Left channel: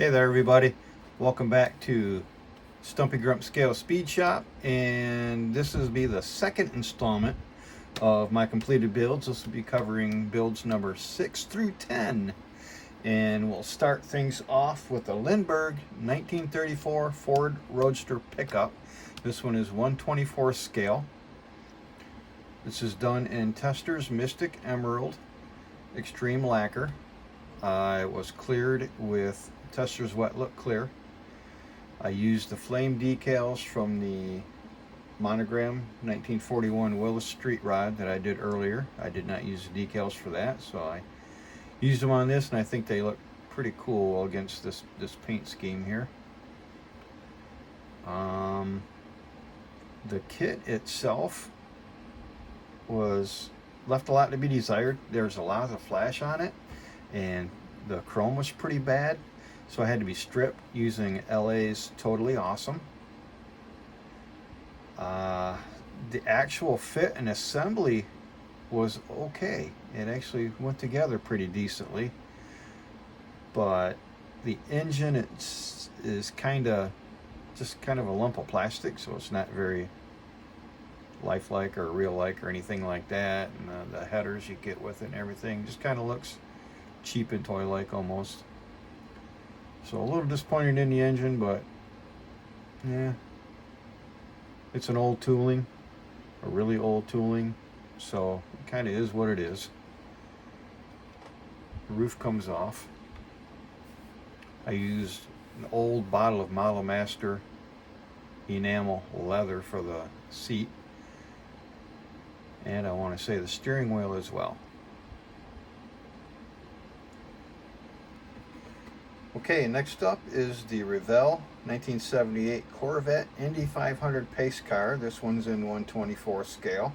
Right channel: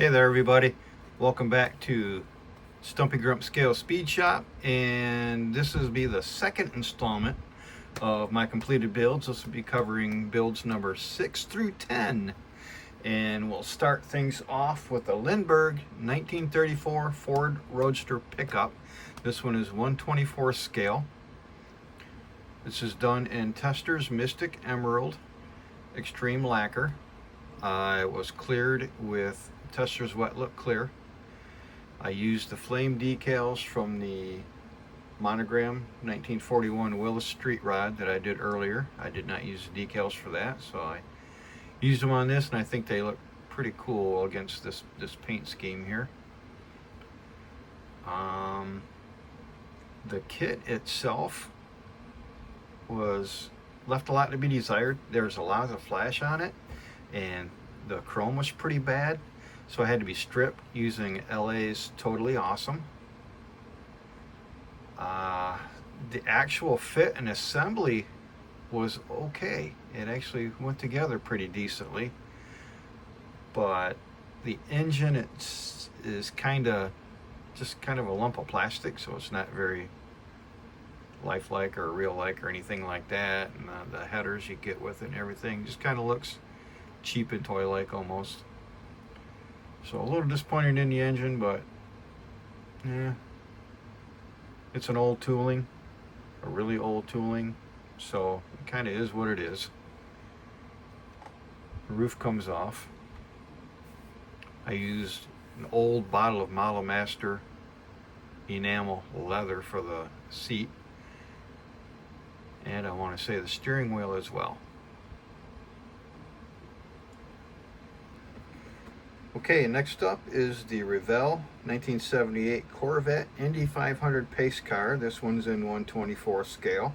Hey there everybody, welcome back to Stumpy Grump Scale Speed Shop, and this will be the second installment of my completed builds. This will be covering builds number 6 through 10, and we'll start things off with the Lindbergh 1934 Ford Roadster pickup. This one is 1/24 scale. This is done in Testors Mystic Emerald Extreme Lacquer. It was cleared with Testors Wet Look Clear. I used the flame decals from the monogram 1941 Willis Street Rod that I did earlier. I did not use the decals for that, so I used them on this, and I think they look pretty cool against this paint scheme here. The kit itself was left a lot to be desired. There's a lot of flash on it, and the chrome was pretty bad, so I had to be stripped using LA's Totally Awesome. The actual fit and assembly was okay. It actually went together pretty decently, but the engine is just kind of a lump of plastic, so it's not very lifelike or real-like or anything like that. And the headers you get with it and everything just kind of looks cheap and toy-like almost. So a little disappointed in the engine, but yeah, it's an old tooling, a really old tooling, so it kind of is what it is. The roof comes off. I used an old bottle of Model Master enamel leather for the seat, and I want to say the steering wheel as well. Okay, next up is the Revell 1978 Corvette Indy 500 pace car. This one's in 1/24 scale,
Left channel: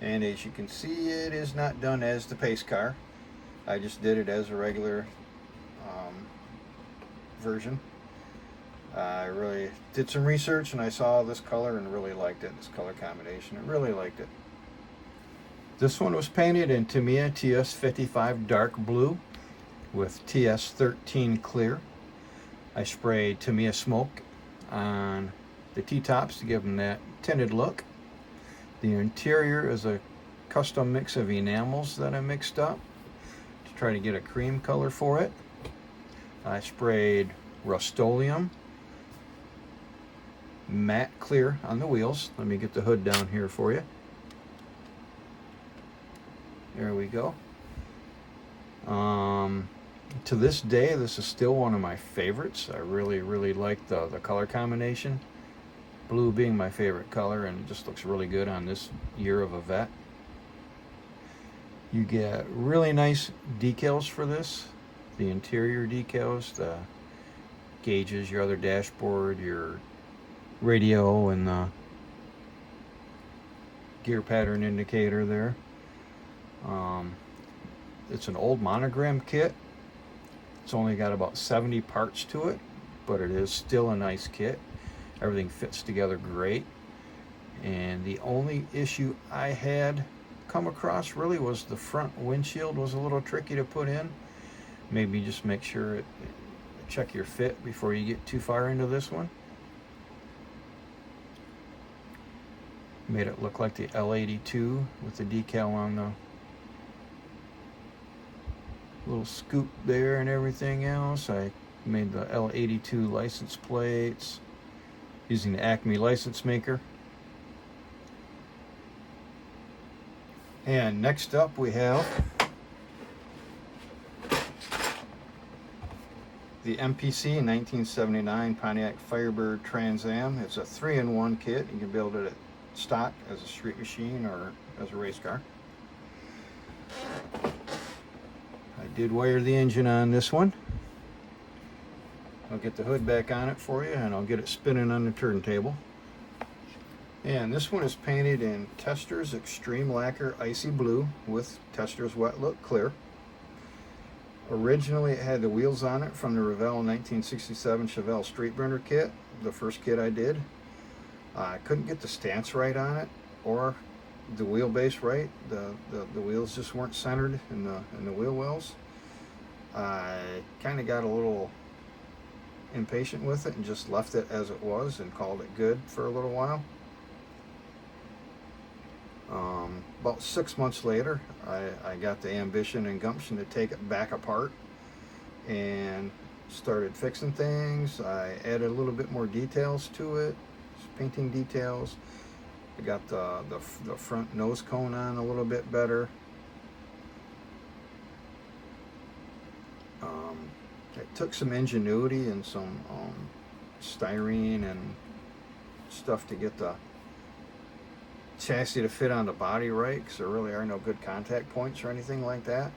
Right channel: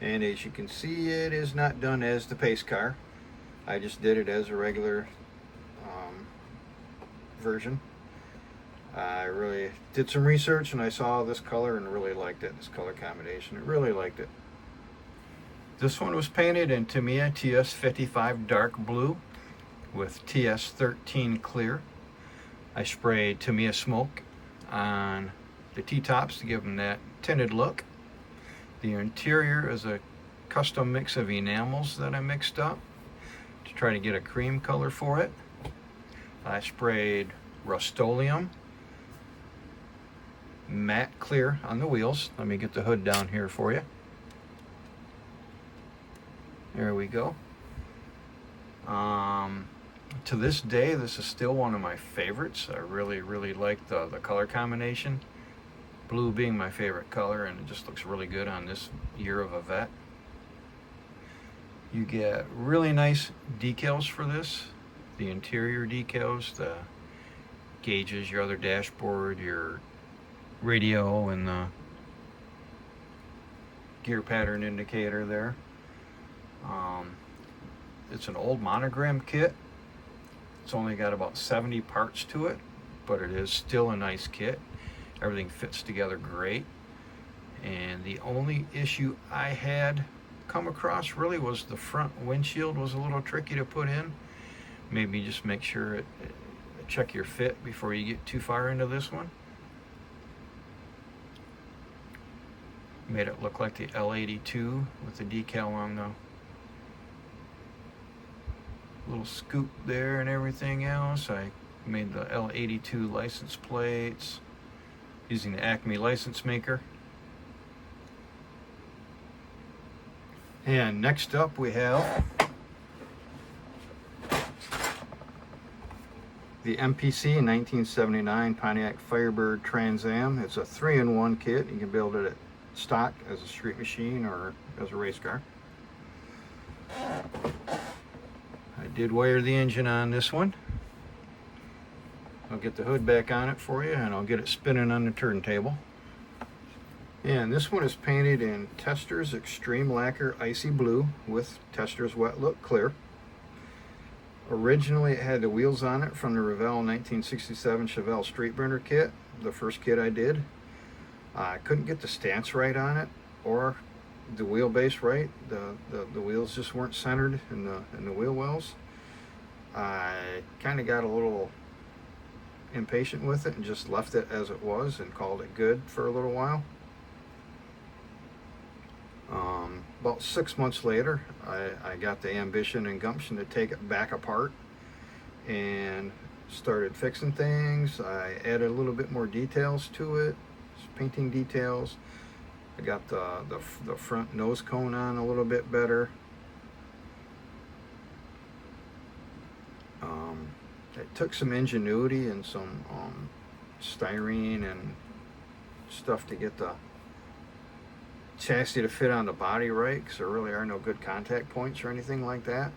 and as you can see, it is not done as the pace car. I just did it as a regular version. I really did some research, and I saw this color and really liked it, this color combination. I really liked it. This one was painted in Tamiya TS55 dark blue with TS13 clear. I sprayed Tamiya smoke on the T-tops to give them that tinted look. The interior is a custom mix of enamels that I mixed up to try to get a cream color for it. I sprayed Rust-Oleum matte clear on the wheels. Let me get the hood down here for you. There we go. To this day, this is still one of my favorites. I really like the color combination. Blue being my favorite color, and it just looks really good on this year of a vet. You get really nice decals for this. The interior decals, the gauges, your other dashboard, your radio, and the gear pattern indicator there. It's an old monogram kit. It's only got about 70 parts to it, but it is still a nice kit. Everything fits together great. And the only issue I had come across really was the front windshield was a little tricky to put in. Maybe just make sure check your fit before you get too far into this one. Made it look like the L82 with the decal on the little scoop there and everything else. I made the L82 license plates using the Acme license maker. And next up we have the MPC 1979 Pontiac Firebird Trans Am. It's a 3-in-1 kit. You can build it at stock as a street machine or as a race car. I did wire the engine on this one. I'll get the hood back on it for you, and I'll get it spinning on the turntable. And this one is painted in Testors Extreme Lacquer Icy Blue with Testors Wet Look Clear. Originally it had the wheels on it from the Revell 1967 Chevelle Street Burner kit, the first kit I did. I couldn't get the stance right on it or the wheelbase right. The wheels just weren't centered in the wheel wells. I kind of got a little impatient with it and just left it as it was and called it good for a little while. About 6 months later, I got the ambition and gumption to take it back apart and started fixing things. I added a little bit more details to it, painting details. I got the front nose cone on a little bit better. It took some ingenuity and some styrene and stuff to get the chassis to fit on the body right, because there really are no good contact points or anything like that.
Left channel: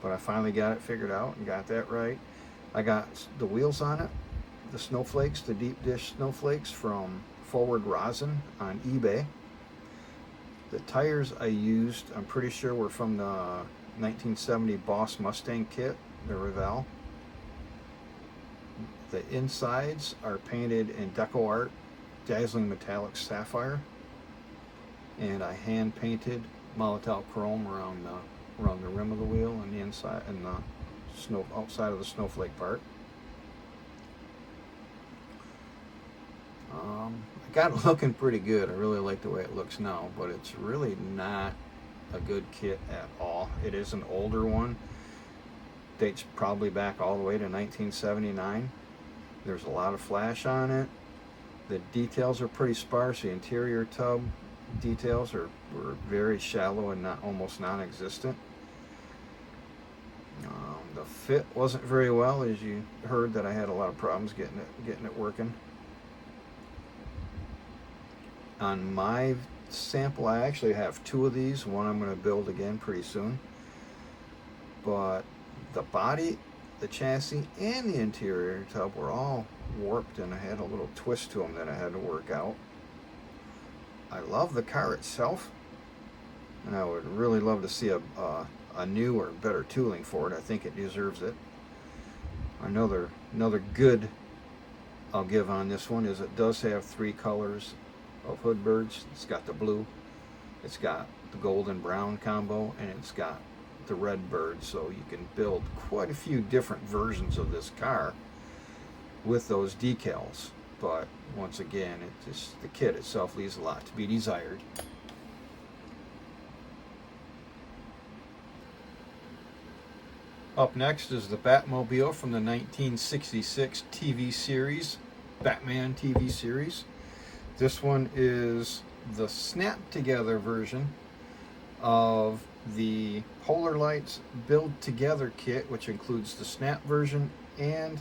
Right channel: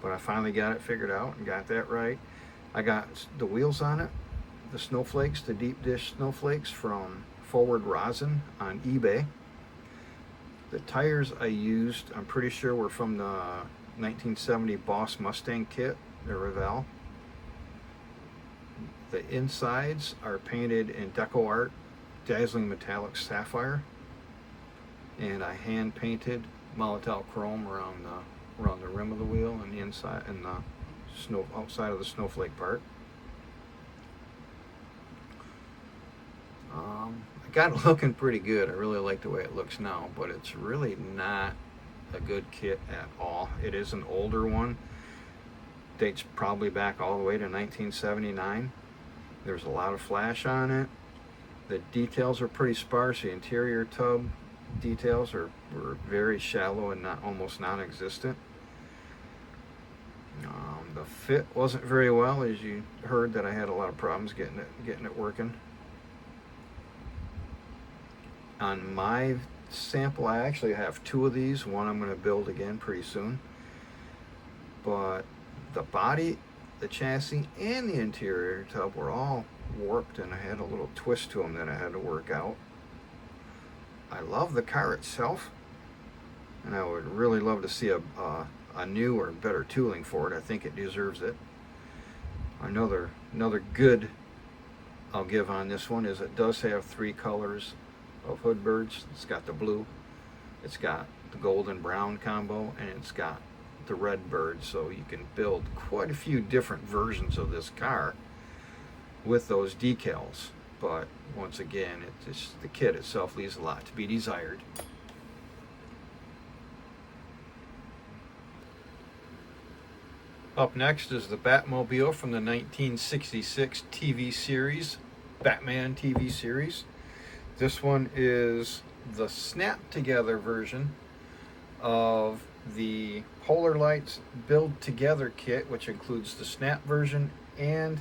But I finally got it figured out and got that right. I got the wheels on it, the snowflakes, the deep dish snowflakes from Forward Rosin on eBay. The tires I used, I'm pretty sure, were from the 1970 Boss Mustang kit, the Revell. The insides are painted in Deco Art Dazzling Metallic Sapphire, and I hand painted Molotow Chrome around the rim of the wheel and the inside and the snow outside of the snowflake part. I got it looking pretty good. I really like the way it looks now, but it's really not a good kit at all. It is an older one. Dates probably back all the way to 1979. There's a lot of flash on it. The details are pretty sparse. The interior tub details were very shallow and almost non-existent. The fit wasn't very well, as you heard that I had a lot of problems getting it working. On my sample, I actually have 2 of these. One I'm going to build again pretty soon. But the body, the chassis, and the interior tub were all warped, and I had a little twist to them that I had to work out. I love the car itself, and I would really love to see a new or better tooling for it. I think it deserves it. Another good I'll give on this one is it does have 3 colors of hood birds. It's got the blue, it's got the golden brown combo, and it's got the red bird, so you can build quite a few different versions of this car with those decals. But once again, the kit itself leaves a lot to be desired. Up next is the Batmobile from the 1966 TV series, Batman TV series. This one is the snap together version of the Polar Lights Build Together kit, which includes the snap version and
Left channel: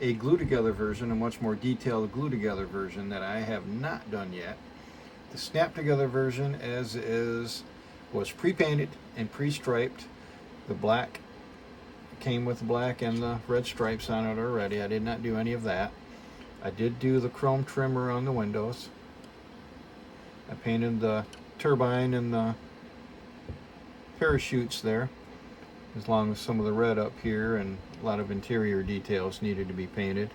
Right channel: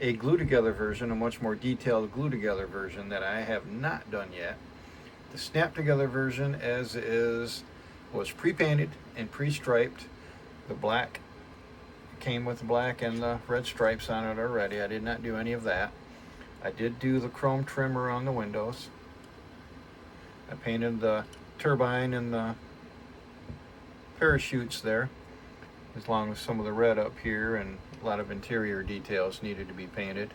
a glue together version, a much more detailed glue together version that I have not done yet. The snap together version as is was pre-painted and pre-striped. The black came with the black and the red stripes on it already. I did not do any of that. I did do the chrome trimmer on the windows. I painted the turbine and the parachutes there, as long as some of the red up here, and a lot of interior details needed to be painted.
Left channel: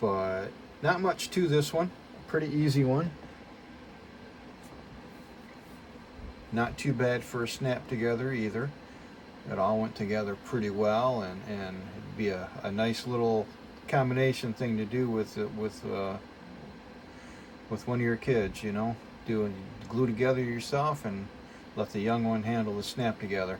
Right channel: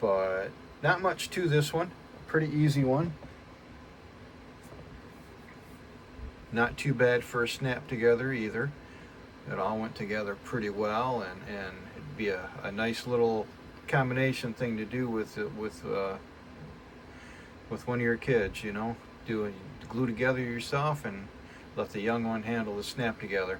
But not much to this one. Pretty easy one. Not too bad for a snap together either. It all went together pretty well, and it'd be a nice little combination thing to do with one of your kids, you know. Glue together yourself and let the young one handle the snap together.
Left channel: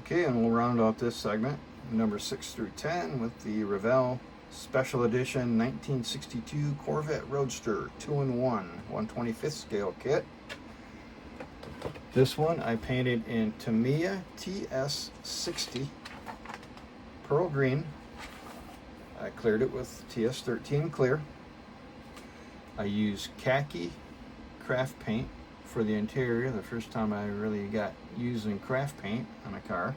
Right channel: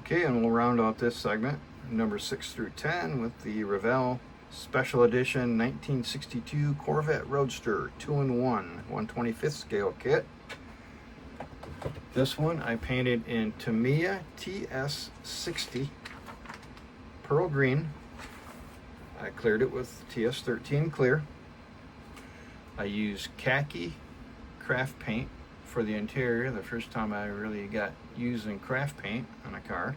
Okay, and we'll round out this segment, number 6 through 10, with the Revell Special Edition 1962 Corvette Roadster 2-in-1 1/25th scale kit. This one I painted in Tamiya TS60 Pearl Green. I cleared it with TS13 clear. I used khaki craft paint for the interior, the first time I really got using craft paint on a car.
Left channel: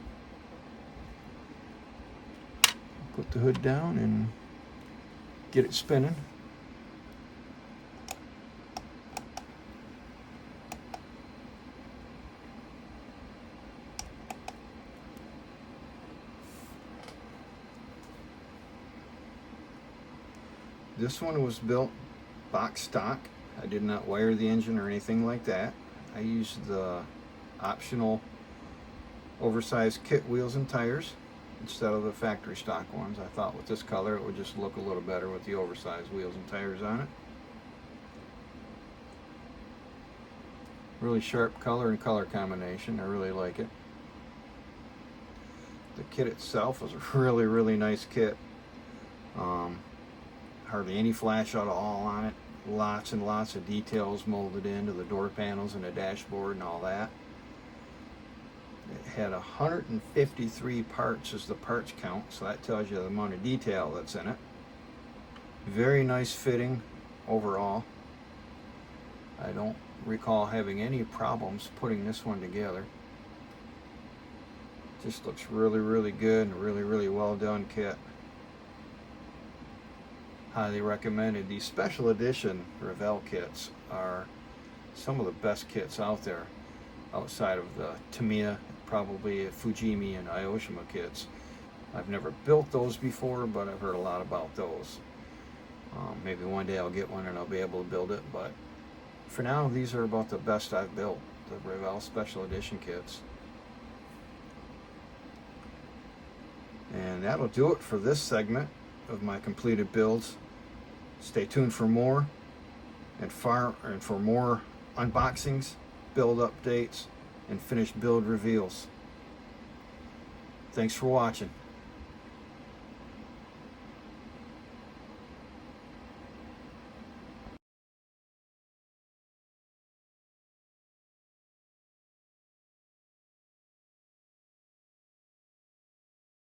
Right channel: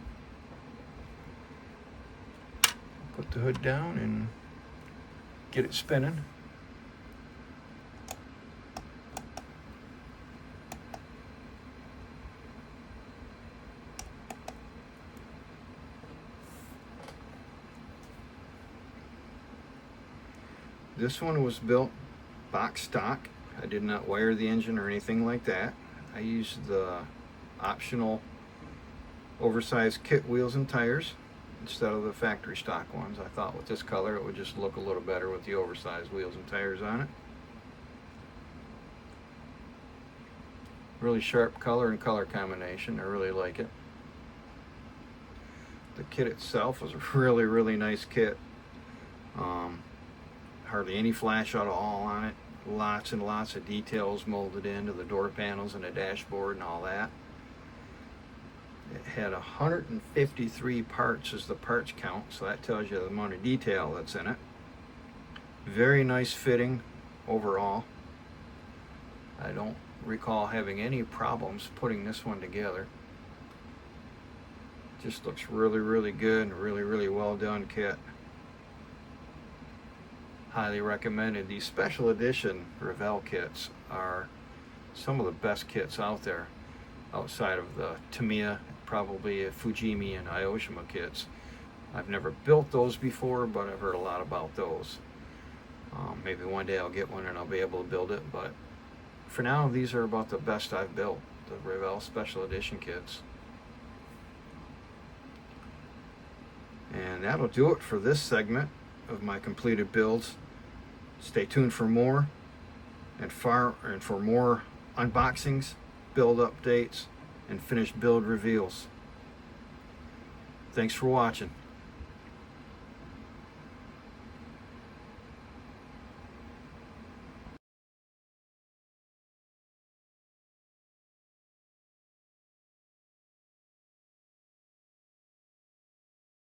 Put the hood down and get it spinning. This one was built box stock. I did not wire the engine or anything like that. I used the optional oversized kit wheels and tires instead of the factory stock ones. I thought with this color it would just look a little better with the oversized wheels and tires on it. Really sharp color and color combination. I really like it. The kit itself is a really nice kit. Hardly any flash out at all on it. Lots and lots of details molded into the door panels and the dashboard and all that. It had 153 parts as the parts count, so that tells you the amount of detail that's in it. Very nice fitting overall. I don't recall having any problems putting this one together. Just looks really good and really well done kit. Highly recommended. These special edition Revell kits are some of the best kits out there, outside of the Tamiya, probably Fujimi and Aoshima kits. I've never built those before, but I've heard a lot about those. Maybe one day I'll get one and I'll be able to build it, but for now these are about the best I've built, the Revell special edition kits. And that'll do it for this segment of my completed builds. Stay tuned for more and for more unboxings, build updates, and finished build reveals. Thanks for watching.